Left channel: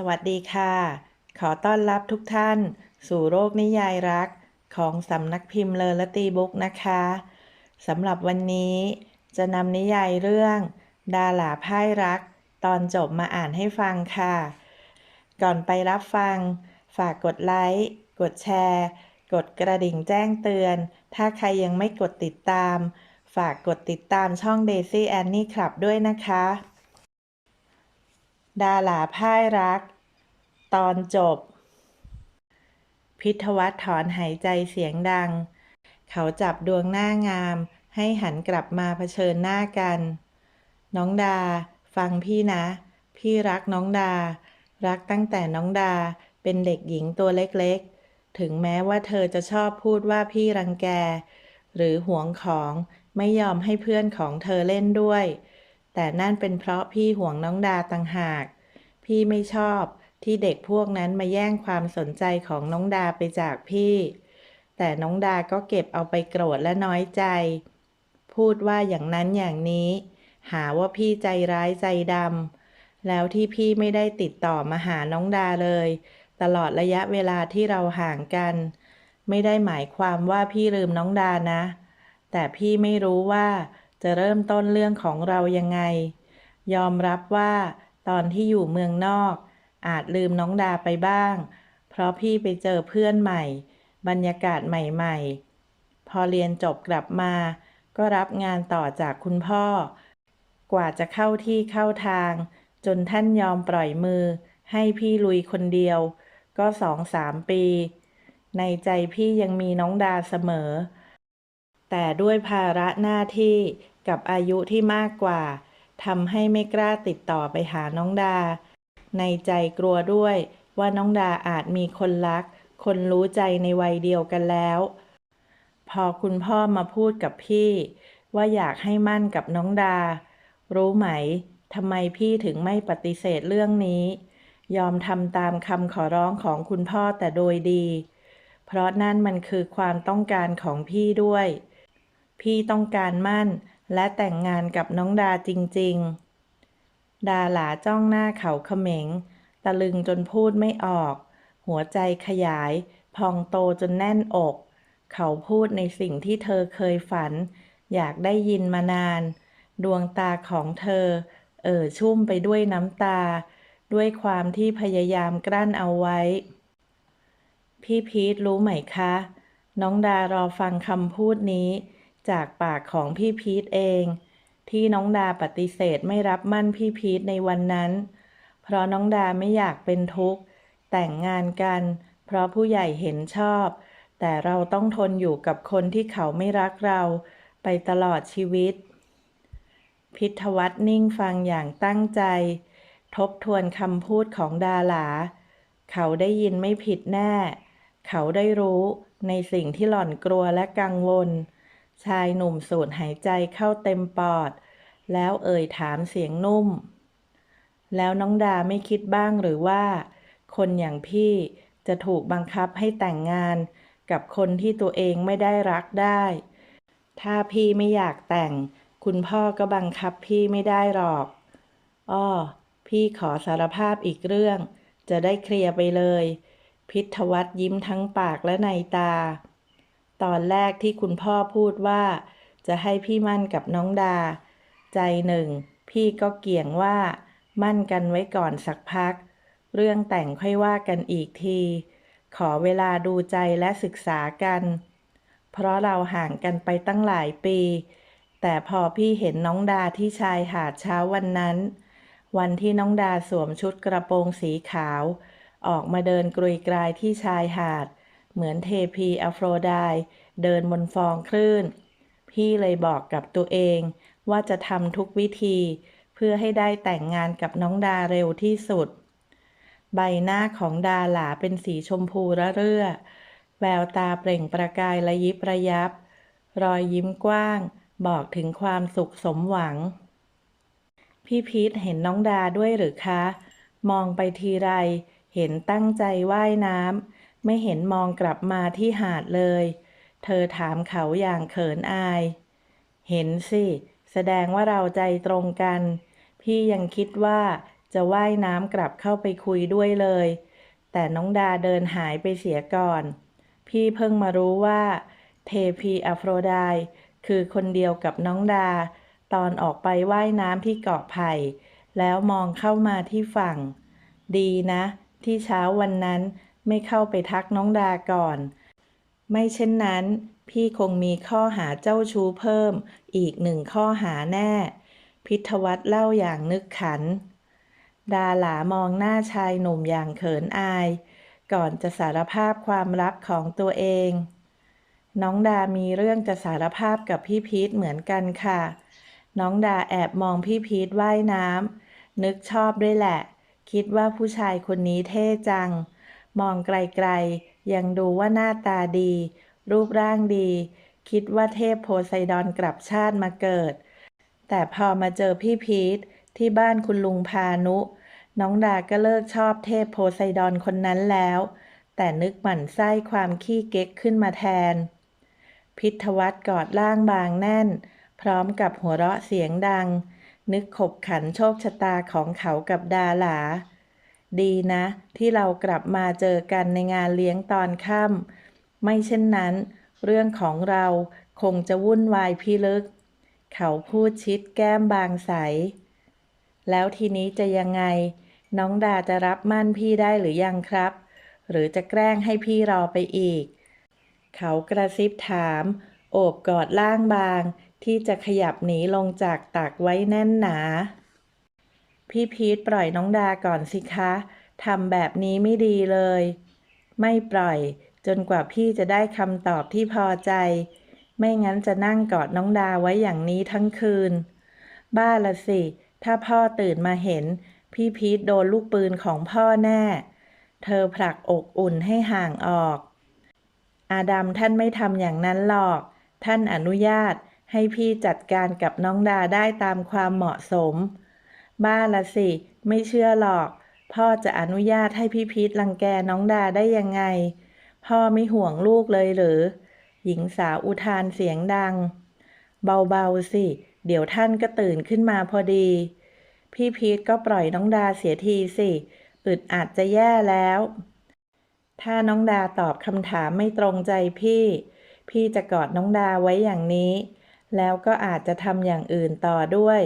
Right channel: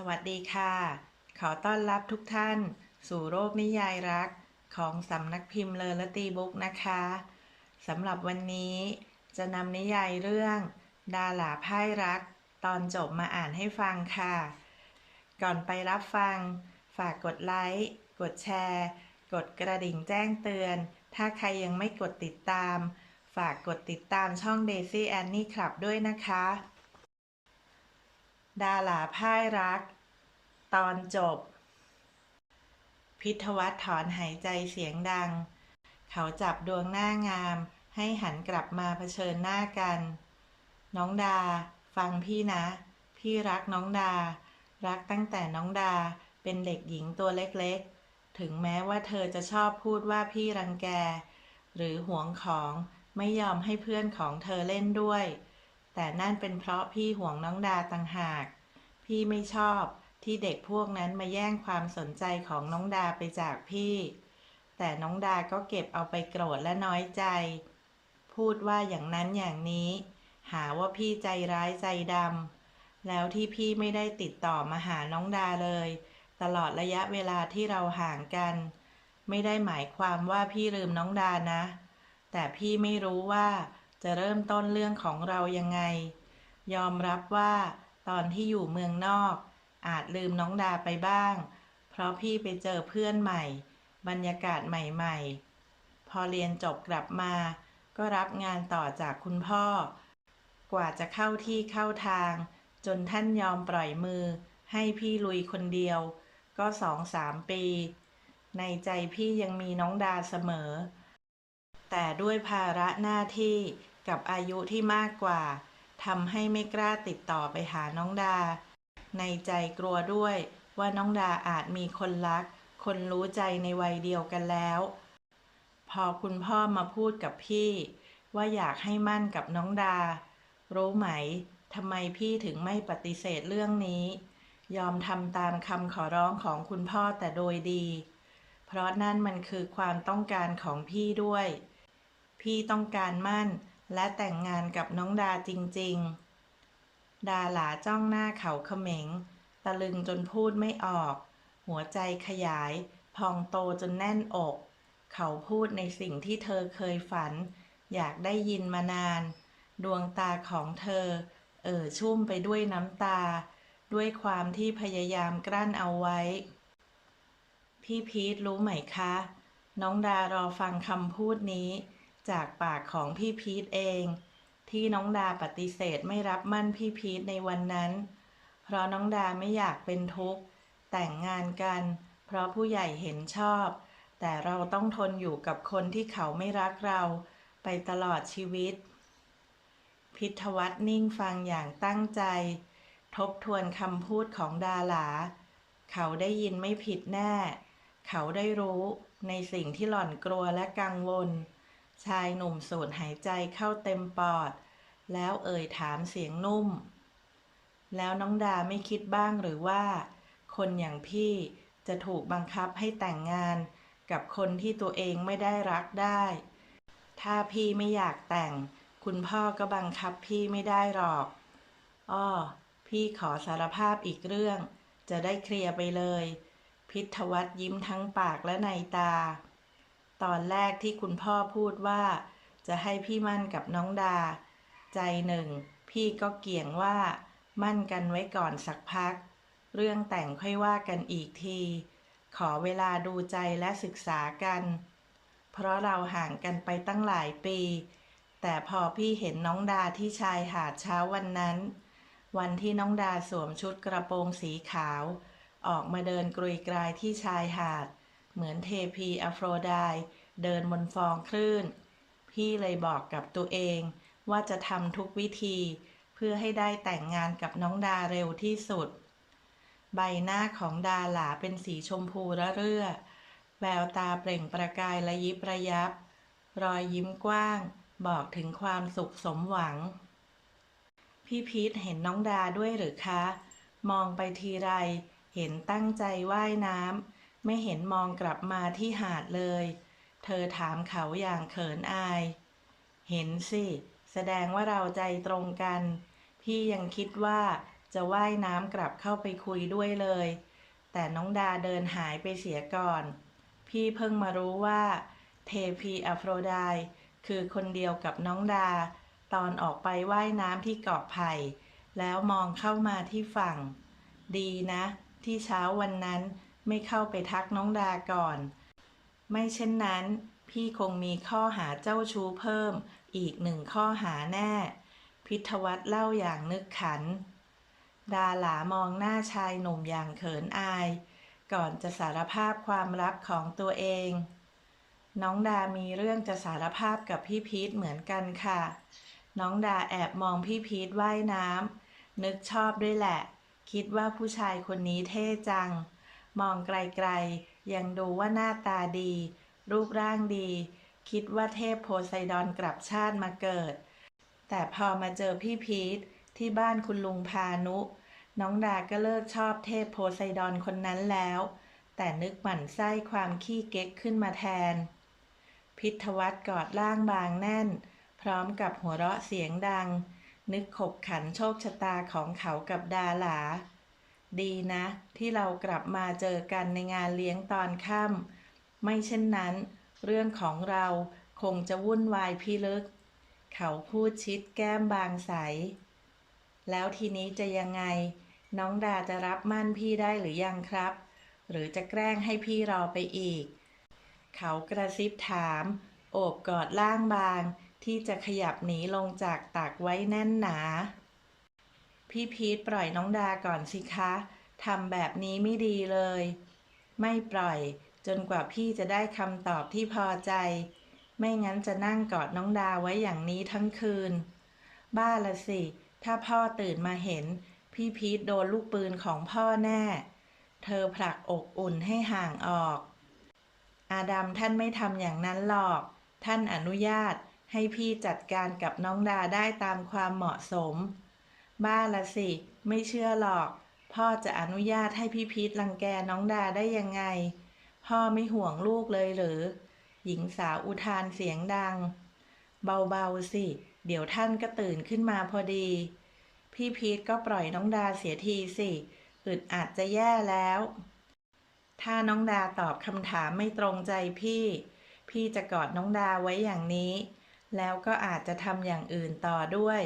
สวัสดีค่ะ ขอต้อนรับทุกท่าน สู่โรคนิยายรักของสำนักพิมพ์เลอและตีบุ๊กนะคะสำหรับวันนี้จะนำนิยายเรื่อง ดาหลาพ่ายรัก ตอนจบมาอ่านให้ฟังค่ะ ก่อนไปรับฟัง ฝากกดไลค์ กดแชร์ กดกระดิ่งแจ้งเตือน ถ้าใครยังไม่กดติดตาม ฝากกดติดตามช่อง Daisy Annie Club ด้วยนะคะ ดาหลาพ่ายรัก ตอนจบ พิทวัฒน์ถอนหายใจเสียงดัง เขาจับดวงหน้างาม ให้หันกลับมาเผชิญหน้ากัน น้องดา ฟังพี่นะ พี่รักน้องดา รักตั้งแต่น้องดาเป็นเด็กหญิงตัวเล็กๆ ถึงแม้ว่าเธอจะชอบพูดว่าพี่รังแก หรือหวงของไม่ยอมให้เพื่อนของเธอเล่นด้วย แต่นั่นเป็นเพราะพี่ห่วงน้องดาต่างหาก พี่ไม่ชอบที่เด็กพวกนั้นมาแย่งความสนใจของน้องดาไปจากพี่ แต่น้องดาก็เก็บเอาไปโกรธและน้อยใจ พูดว่าอย่างนั้นอย่างนี้ หาว่าพี่ใจร้ายใจดำแล้วที่พี่ไม่ได้ติดต่อมาหาน้องดาเลย ตลอดระยะเวลาที่เราห่างกัน ไม่ได้หมายความว่าพี่ลืมน้องดานะ แต่พี่ไม่รู้ว่าจะเริ่มต้นเรื่องของเรายังไง ยอมรับว่า ตอนที่อยู่เมืองนอก อาจลืมน้องดาไปบ้าง เพราะพี่ไปเจอเพื่อนใหม่ บรรยากาศใหม่ ๆ พอเรียนจบกลับมา ก็รับงานต่อจากคุณพ่อ กว่าจะเข้าที่เข้าทาง จนท่านยอมปล่อยมือ ให้พี่ลุยคนเดียว ก็สองสามปี ในใจพี่ยังมีน้องดาเสมอ แต่ด้วยภาระหน้าที่กับอายุที่มากกว่า ทำให้ไม่กล้าติดต่อไปหาน้องดา ในใจกลัวด้วยว่าน้องดาอาจมีคนรัก คนรู้ใจในวัยเดียวกันแล้ว พอคุณพ่อมาพูดกับพี่ ว่าอยากให้มั่นกับน้องดา รู้ไหมทำไมพี่ถึงไม่ปฏิเสธเรื่องนี้ ยอมทำตามคำขอร้องของคุณพ่อแต่โดยดี เพราะนั่นมันคือความต้องการของพี่ด้วย พี่ต้องการมั่น และแต่งงานกับน้องดาจริง ๆ ดาหลาจ้องหน้าเขาเขม็ง ตะลึงจนพูดไม่ออก หัวใจขยาย พองโตจนแน่นอก เขาพูดในสิ่งที่เธอเคยฝัน อยากได้ยินมานาน ดวงตาของเธอ เอ่อชุ่มไปด้วยน้ำตา ด้วยความที่พยายามกลั้นเอาไว้ พี่พีทรู้ไหมคะ น้องดารอฟังคำพูดนี้ จากปากของพี่พีทเอง ที่น้องดาปฏิเสธไม่รับมั่นพี่พีทในวันนั้น เพราะน้องดาไม่อยากเป็นทุกข์ แต่งงานกัน เพราะผู้ใหญ่เห็นชอบ แต่เราต้องทนอยู่กับคนที่เขาไม่รักเราไปตลอดชีวิต พิทวัฒน์นิ่งฟังอย่างตั้งใจ ทบทวนคำพูดของดาหลา เขาได้ยินไม่ผิดแน่ เขาได้รู้ในสิ่งที่หล่อนกลัวและกังวล ชายหนุ่มสูดหายใจเข้าเต็มปอด แล้วเอ่ยถามเสียงนุ่ม แล้วน้องดาไม่คิดบ้างหรือว่า คนอย่างพี่จะถูกบังคับให้แต่งงานกับคนที่ตัวเองไม่ได้รักได้ ถ้าพี่ไม่อยากแต่ง คุณพ่อก็บังคับพี่ไม่ได้หรอก อ้อ พี่ขอสารภาพอีกเรื่อง จะได้เคลียร์ไปเลย พิทวัฒน์ยิ้มทั้งปากและในตา ตอนแรกที่คุณพ่อพูดว่า จะให้พี่มั่นกับน้องดา ใจหนึ่ง พี่ก็เกี่ยงว่า มั่นกันไว้ก่อนสักพัก เรื่องแต่งค่อยว่ากันอีกที ขอเวลาดูใจและศึกษากัน เพราะเราห่างกันไปตั้งหลายปี แต่พอพี่เห็นน้องดาที่ชายหาดเช้าวันนั้น วันที่น้องดาสวมชุดกระโปรงสีขาว ออกมาเดินกรุยกรายที่ชายหาด เหมือนเทพีอโฟรไดเดินบนฟองคลื่น พี่เลยบอกกับตัวเองว่าจะทำทุกวิธีเพื่อให้ได้แต่งงานกับน้องดาเร็วที่สุด ใบหน้าของดาหลาเป็นสีชมพูระเรื่อ แววตาเปล่งประกายระยิบระยับ รอยยิ้มกว้าง บอกถึงความสุขสมหวัง พี่พีทเห็นน้องดาด้วยหรือคะ มองไปทีไร เห็นตั้งใจว่ายน้ำ ไม่เห็นมองกลับมาที่หาดเลย เธอถามเขาอย่างเขินอาย เห็นสิ แสดงว่าเราใจตรงกัน พี่ยังคิดว่าจะว่ายน้ำกลับเข้าไปคุยด้วยเลย แต่น้องดาเดินหายไปเสียก่อน พี่เพิ่งมารู้ว่า เทพีอโฟรไดต์คือคนเดียวกับน้องดา ตอนออกไปว่ายน้ำที่เกาะไผ่ แล้วมองเข้ามาที่ฝั่ง ดีนะ ที่เช้าวันนั้น ไม่เข้าไปทักน้องดาก่อน ไม่เช่นนั้น พี่คงมีข้อหาเจ้าชู้เพิ่ม อีกหนึ่งข้อหาแน่ พิทวัตเล่าอย่างนึกขัน ดาหลามองหน้าชายหนุ่มอย่างเขินอาย ก่อนจะสารภาพความลับของตัวเอง น้องดามีเรื่องจะสารภาพกับพี่พีทเหมือนกันค่ะ น้องดาแอบมองพี่พีทว่ายน้ำนึกชอบด้วยแหละ คิดว่าผู้ชายคนนี้เท่จัง มองไกลๆ ยังดูว่าหน้าตาดี รูปร่างดี คิดว่าเทพโพไซดอนกลับชาติมาเกิด แต่พอมาเจอพี่พีทที่บ้านคุณลุงพานุ น้องดาก็เลิกชอบเทพโพไซดอนคนนั้นแล้ว แต่นึกหมั่นไส้ความขี้เก๊กขึ้นมาแทน พิทวัตกอดล่างบางแน่น พร้อมกับหัวเราะเสียงดัง นึกขบขันโชคชะตาของเขากับดาหลา ดีนะ ที่เรากลับมาเจอกันในงานเลี้ยงตอนค่ำไม่เช่นนั้น เรื่องของเราคงจะวุ่นวายพิลึก เขาพูดชิดแก้มบางใส แล้วทีนี้จะยังไง น้องดาจะรับมั่นพี่ได้หรือยังครับ หรือจะแกล้งให้พี่รอไปอีก เขากระซิบถาม โอบกอดล่างบาง ที่จะขยับหนีลงจากตักไว้แน่นหนา พี่พีทปล่อยน้องดาก่อนสิคะทำแบบนี้ไม่ดีเลย ไม่ปล่อยจนกว่าพี่จะได้คำตอบที่พอใจ ไม่งั้นจะนั่งกอดน้องดาไว้อย่างนี้ทั้งคืน บ้าละสิ ถ้าพ่อตื่นมาเห็น พี่พีทโดนลูกปืนของพ่อแน่ เธอผลักอกอุ่นให้ห่างออก อาดัมท่านไม่ทำอย่างนั้นหรอก ท่านอนุญาตให้พี่จัดการกับน้องดาได้ตามความเหมาะสม บ้าละสิ ไม่เชื่อหรอก พ่อจะอนุญาตให้พี่พีทรังแกน้องดาได้ยังไง พ่อไม่ห่วงลูกเลยหรือ หญิงสาวอุทานเสียงดัง เบาๆสิ เดี๋ยวท่านก็ตื่นขึ้นมาพอดี พี่พีทก็ปล่อยน้องดาเสียทีสิอึดอัดจะแย่แล้ว ถ้าน้องดาตอบคำถามไม่ตรงใจพี่ พี่จะกอดน้องดาไว้อย่างนี้ แล้วก็อาจจะทำอย่างอื่นต่อด้วย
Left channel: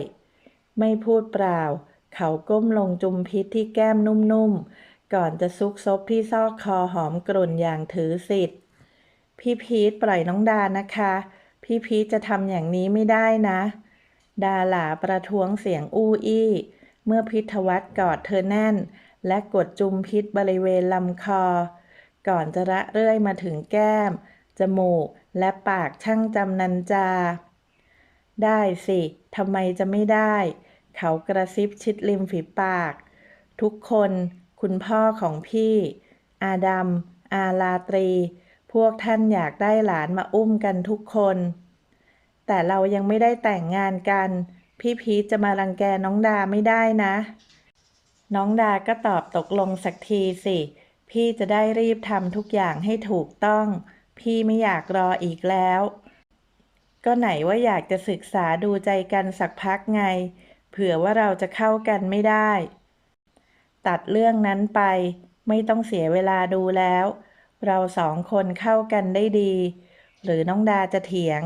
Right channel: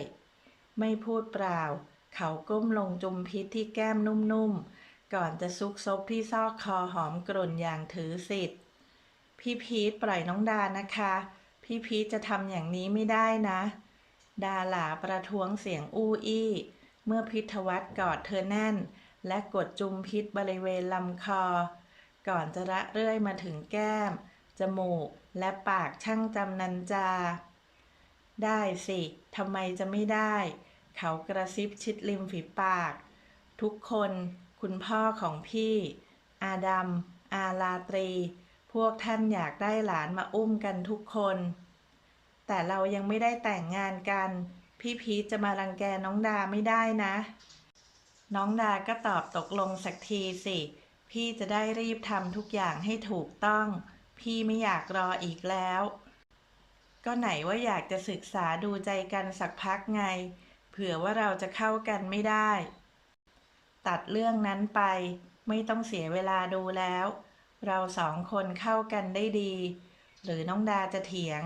ไม่พูดเปล่า เขาก้มลงจุมพิษที่แก้มนุ่มๆ ก่อนจะซุกซบที่ซอกคอหอมกรุ่นอย่างถือสิทธิ์ พี่พีทปล่อยน้องดานะคะ พี่พีทจะทำอย่างนี้ไม่ได้นะ ดาหลาประท้วงเสียงอู้อี้ เมื่อพิทวัตกอดเธอแน่น และกดจุมพิษบริเวณลำคอ ก่อนจะระเรื่อยมาถึงแก้ม จมูก และปากช่างจำนันจา ได้สิทำไมจะไม่ได้ เขากระซิบชิดริมฝีปาก ทุกคนคุณพ่อของพี่ อาดัม อาลาตรี พวกท่านอยากได้หลานมาอุ้มกันทุกคน แต่เรายังไม่ได้แต่งงานกัน พี่พีชจะมารังแกน้องดาไม่ได้นะ น้องดาก็ตอบตกลงสักทีสิ พี่จะได้รีบทำทุกอย่างให้ถูกต้อง พี่ไม่อยากรออีกแล้ว ก็ไหนว่าอยากจะศึกษาดูใจกันสักพักไง เผื่อว่าเราจะเข้ากันไม่ได้ ตัดเรื่องนั้นไป ไม่ต้องเสียเวลาดูแล้ว เราสองคนเข้ากันได้ดี หรือน้องดาจะเถียง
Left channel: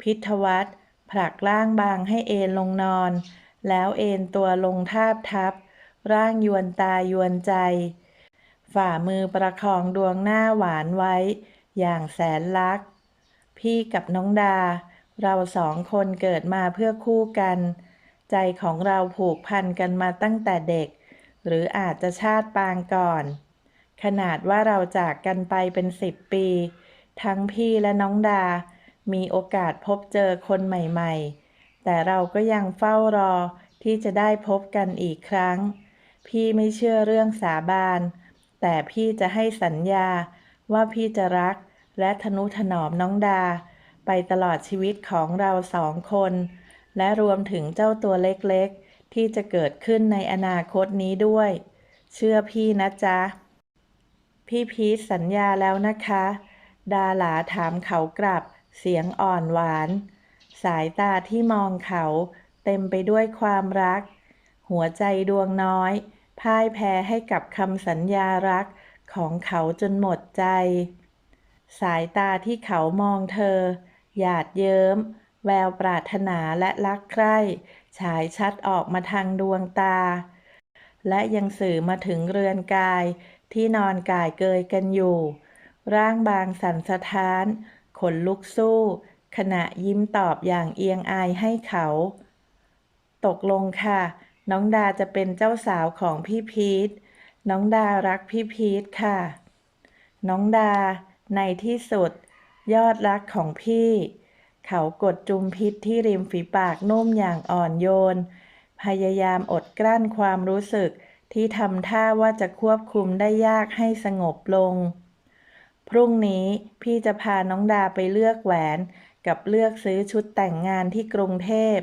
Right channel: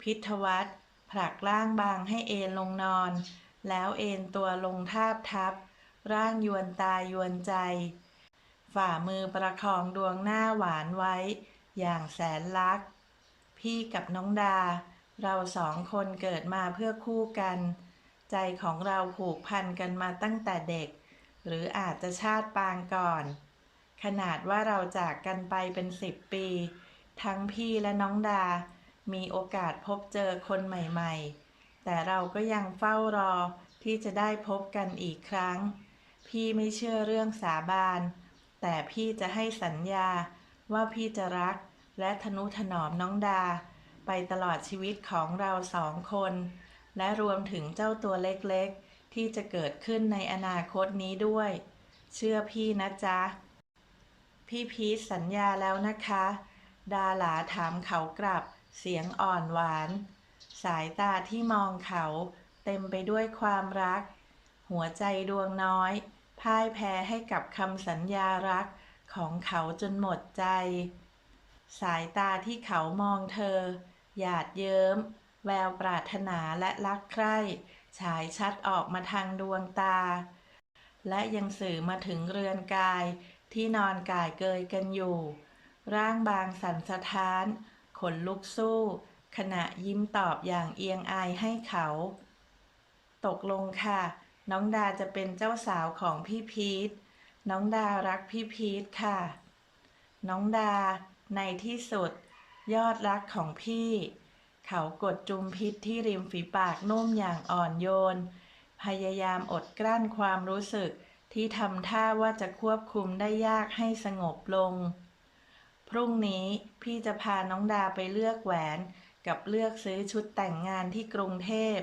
พิทวัตผลักร่างบางให้เอนลงนอน แล้วเอนตัวลงทาบทับ ร่างยวนตายวนใจ ฝ่ามือประคองดวงหน้าหวานไว้ อย่างแสนรัก พี่กับน้องดา เราสองคนเกิดมาเพื่อคู่กัน ใจของเราผูกพันกันมาตั้งแต่เด็ก หรืออาจจะชาติปางก่อน ขนาดว่าเราจากกันไปเป็นสิบปี ทั้งพี่และน้องดา มีโอกาสพบเจอคนใหม่ๆ แต่เราก็ยังเฝ้ารอที่จะได้พบกันอีกครั้ง พี่ไม่เชื่อเรื่องสาบาน แต่พี่จะให้สัญญาว่าพี่จะรัก และทนุถนอมน้องดา ไปตลอดชีวิตของเราสองคน และรวมถึงเจ้าตัวเล็กๆ ที่จะเกิดขึ้นในอนาคตนี้ด้วย เชื่อพี่นะจ๊ะ พี่พีชสัญญาแล้วนะคะ ดาหลาถามเขากลับ เสียงอ่อนหวาน สายตาที่มองเขาเต็มไปด้วยความรัก หัวใจดวงน้อยพ่ายแพ้ให้กับคำสัญญารักของเขาจนหมดใจ สายตาที่เขามองเธอ หยาดเยิ้ม แววปรารถนาและรักใคร่ฉายชัดออกมาทางดวงตา และยังสื่อมาถึงเรือนกายที่นอนกายเกยกันอยู่ ร่างบางสั่นสะท้าน ขนลุกสู้ ขณะยิ้มตอบอย่างเอียงอายให้เขา ตกลงค่ะ น้องดาจะเป็นเจ้าสาวของพี่พีทน้องดารักพี่พีทค่ะ น้องดา ในที่สุด ยอดรักของพี่ เขากดจุมพิษที่ริมฝีปากนุ่มอย่างอ่อนโยน พยายามอดกลั้นความรู้สึกที่ทำท่าว่าจะควบคุมได้ยากให้สงบลง พรุ่งนี้พี่จะพาน้องดาไปเลือกแหวน กับเลือกซื้อชุดแต่งงานที่กรุงเทพ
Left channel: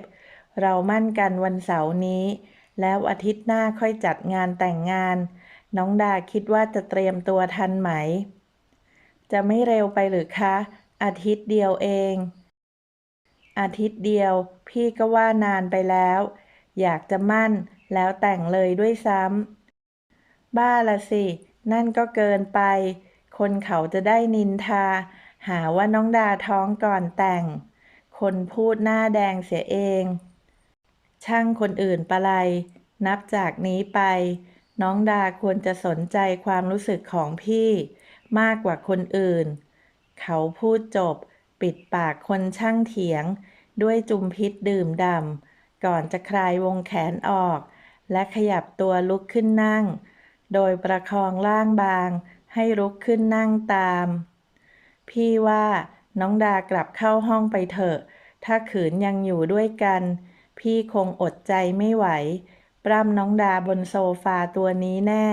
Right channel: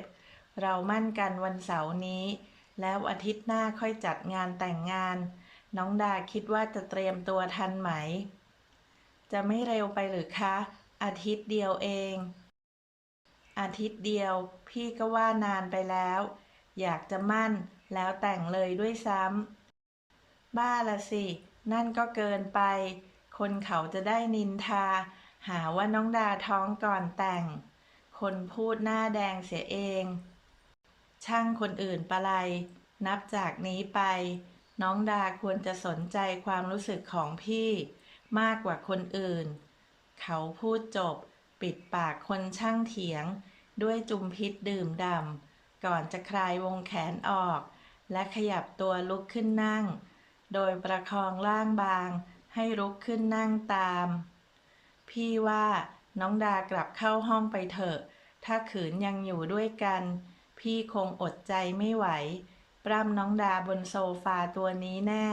เรามั่นกันวันเสาร์นี้ แล้วอาทิตย์หน้าค่อยจัดงานแต่งงาน น้องดาคิดว่าจะเตรียมตัวทันไหม จะไม่เร็วไปหรือคะ อาทิตย์เดียวเอง อาทิตย์เดียว พี่ก็ว่านานไปแล้ว อยากจะมั่นแล้วแต่งเลยด้วยซ้ำ บ้าละสิ นั่นก็เกินไป คนเขาจะได้นินทา หาว่าน้องดาท้องก่อนแต่ง คนพูดหน้าแดงเสียเอง ช่างคนอื่นปะไลนับจากนี้ไป น้องดาควรจะสนใจความรู้สึกของพี่ มากกว่าคนอื่น เขาพูดจบ ปิดปากคนช่างเถียง ด้วยจุมพิษดื่มดำก่อนจะคลายวงแขนออก และขยับตัวลุกขึ้นนั่ง โดยประคองร่างบาง ให้ลุกขึ้นนั่งตาม พี่ว่าน้องดากลับเข้าห้องไปเถอะ ถ้าขืนยังอยู่ด้วยกัน พี่คงอดใจไม่ไหวปล้ำน้องดาบนโซฟาตัวนี้แน่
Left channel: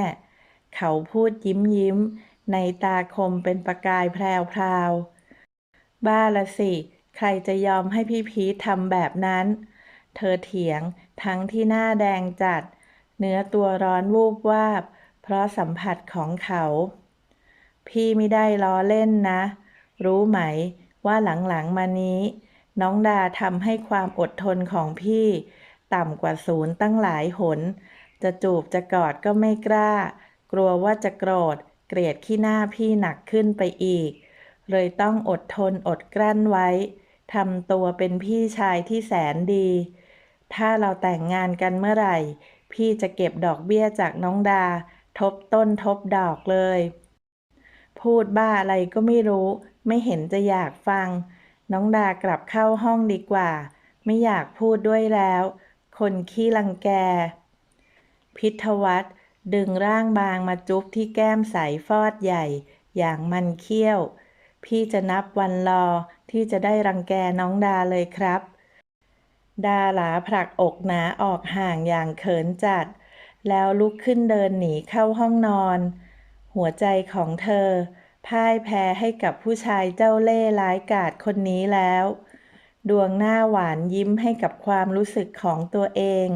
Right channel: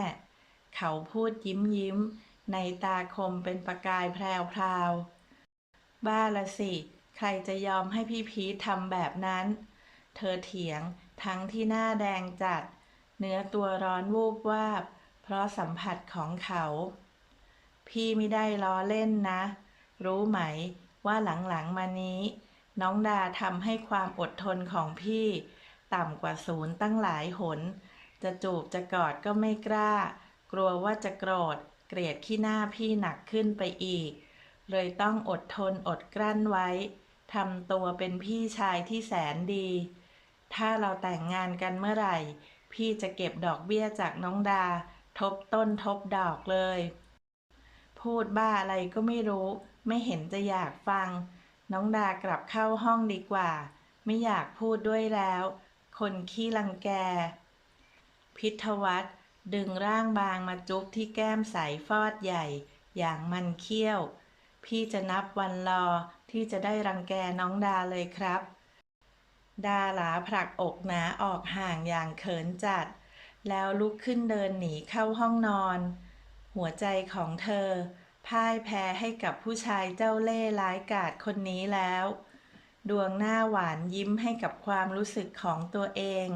เขาพูดยิ้มยิ้ม ในตาคมเป็นประกายแพรวพราวๆบ้าละสิ ใครจะยอมให้พี่พีททำแบบนั้น เธอเถียงทั้งที่หน้าแดงจัด เนื้อตัวร้อนวูบวาบ เพราะสัมผัสของเขา พี่ไม่ได้ล้อเล่นนะ รู้ไหมว่าหลังๆมานี้ น้องดาทำให้ความอดทนของพี่ ต่ำกว่าศูนย์ตั้งหลายหน จะจูบจะกอดก็ไม่กล้า กลัวว่าจะโกรธ เกลียดขี้หน้าพี่หนักขึ้นไปอีก เลยต้องอดทนอดกลั้นไว้ทำตัวเป็นพี่ชายที่แสนดี ถ้าเราแต่งงานกันเมื่อไหร่ พี่จะเก็บดอกเบี้ยจากน้องดา ทบต้นทบดอกเลย พูดบ้าอะไรก็ไม่รู้ ไม่เห็นจะอยากฟัง น้องดากลับเข้าห้องดีกว่า ไม่อยากพูดด้วยแล้ว คนขี้รังแก พิทวัตร ดึงร่างบางมาจุ๊บที่แก้มใสฟอดใหญ่ อย่างมันเคี้ยว พี่จะนับวันรอที่จะได้รังแกน้องดาเลยครับ ดาหลาผลักอกหนาออกห่างอย่างเขินจัด แล้วลุกขึ้นเดินหนีเข้าห้องนอน หัวใจของเธอ พ่ายแพ้ให้กับผู้ชายเจ้าเล่ห์ร้ายกาจคนนี้แล้ว ดวงหน้าหวานยิ้มให้กับความรู้สึกของตัวเอง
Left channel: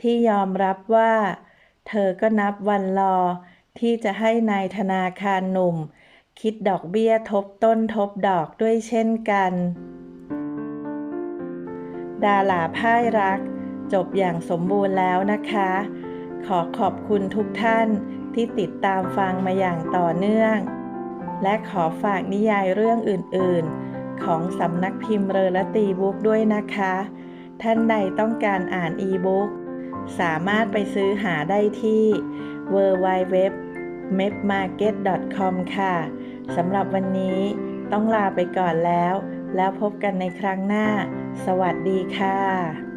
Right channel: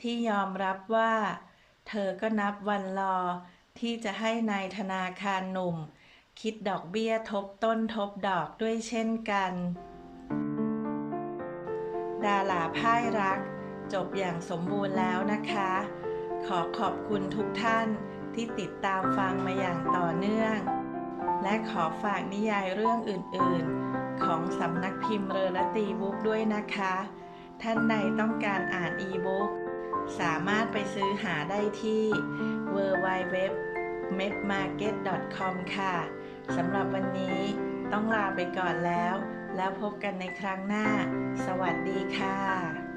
ที่ยอมรับว่า เธอก็นับวันรอ ที่จะให้นายธนาคารหนุ่ม คิดดอกเบี้ยทบต้นทบดอกด้วยเช่นกัน ดาหลาพ่ายรัก จบอย่างสมบูรณ์แล้วนะคะ ขอขอบคุณทุกท่านที่ติดตามฟังมาอย่างต่อเนื่อง และขอฝากนิยายเรื่องอื่น ๆ ของสำนักพิมพ์เรอละตีบุ๊กด้วยนะคะ ท่านใดต้องการอ่านอีบุ๊ก สามารถไปซื้อหาได้ที่ w w w m e d m a r k e t c o m ค่ะ สำหรับวันนี้ต้องลาไปก่อนแล้ว แล้วพบกันในครั้งหน้า สวัสดีค่ะ